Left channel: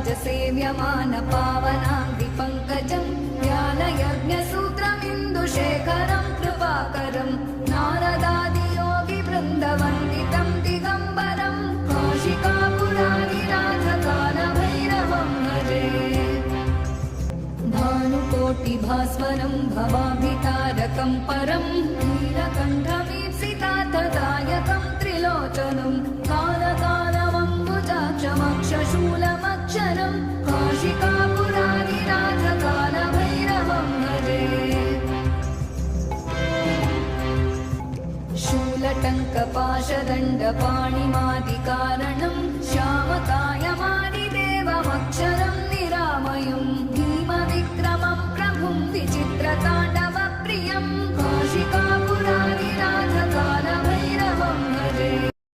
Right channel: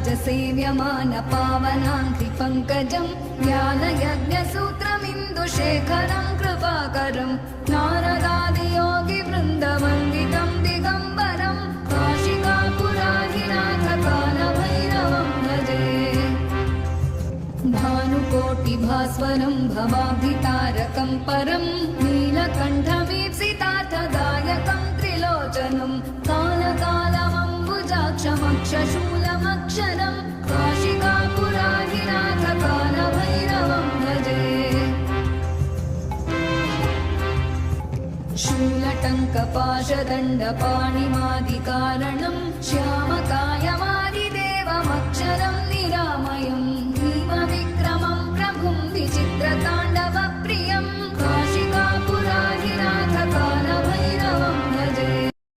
सेव्यमान पावनाङ्घ्रिपङ्कजं ज्ञानयज्ञसूत्रमिन्दुशेखरं कृपाकरं नारदादियोगिवृन्दवन्दितं दिगम्बरं काशिकापुराधिनाथ कालभैरवं भजे। भानुकोटिभास्वरं भवाब्धितारकं परं नीलकण्ठमीप्सितार्थदायकं त्रिलोचनं कालकालमम्बुजाक्षमक्षशूलमक्षरं काशिकापुराधिनाथ कालभैरवं भजे। शूलटङ्कपाशदण्डपाणिमादिकारणं श्यामकायमादिदेवमक्षरं निरामयं भीमविक्रमं प्रभुं विचित्रताण्डवप्रियं